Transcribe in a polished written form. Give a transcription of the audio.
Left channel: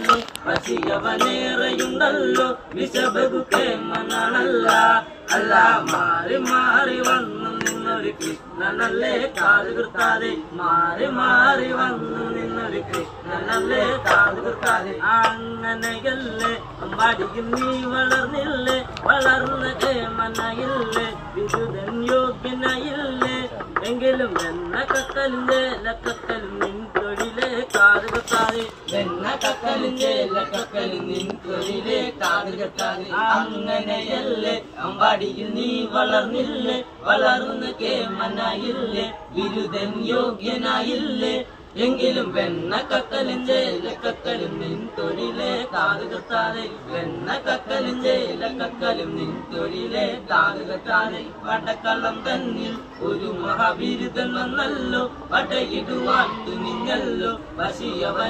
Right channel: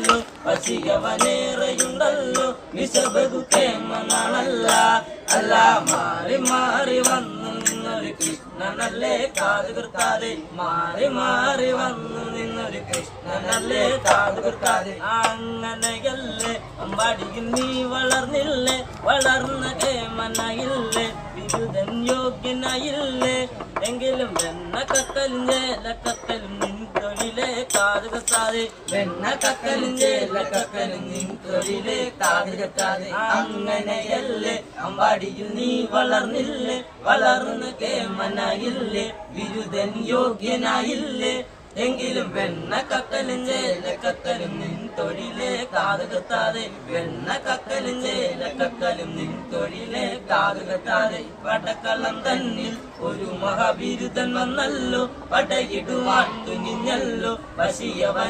ല്ലോ പശിയവനേറെയുണ്ടല്ലോ വിശബകുക്കേമനാണല്ല അല്ല മാറി മാറി വന്നു നിന്നൊരു കൃഷ്ണനല്ലേ കാതുകുർത്താതെ മാറി മാറി വന്നു നിന്നൊരു കൃഷ്ണനല്ലേ കാതുകുർത്താതെ അങ്ങനെയല്ലേ അമ്പാടിയിൽ നീ വളർന്നില്ലേ വളർന്ന് കേമനായില്ലേ വിരുദൻ യോഗ്യനായില്ലേ എങ്കിലും വെണ്ണ കക്കലും ചേലക്കക്കലും നിൻ തൊഴിലെ കാതുകുത്താതെ വെണ്ണ കക്കലും ചേലക്കക്കലും നിൻ തൊഴിലെ കാതുകുത്താതെ അങ്ങനെയല്ലേ അമ്പാടിയിൽ നീ വളർന്നില്ലേ വളർന്ന് കേമനായില്ലേ ബിരുദൻ യോഗ്യനായില്ലേ എങ്കിലും വെണ്ണ കക്കലും ചേലക്കക്കലും നിൻ തൊഴിലെ കാതുകുത്താതെ വെണ്ണ കക്കലും ചേലക്കക്കലും നിൻ തൊഴിലെ കാതുകുത്താതെ പടക്കളം തന്നിൽ ഒരു മഹാബിരുദൻ വന്നല്ലോ പടയിടുവാൻ തുനിഞ്ഞല്ലോ പശിയവൻ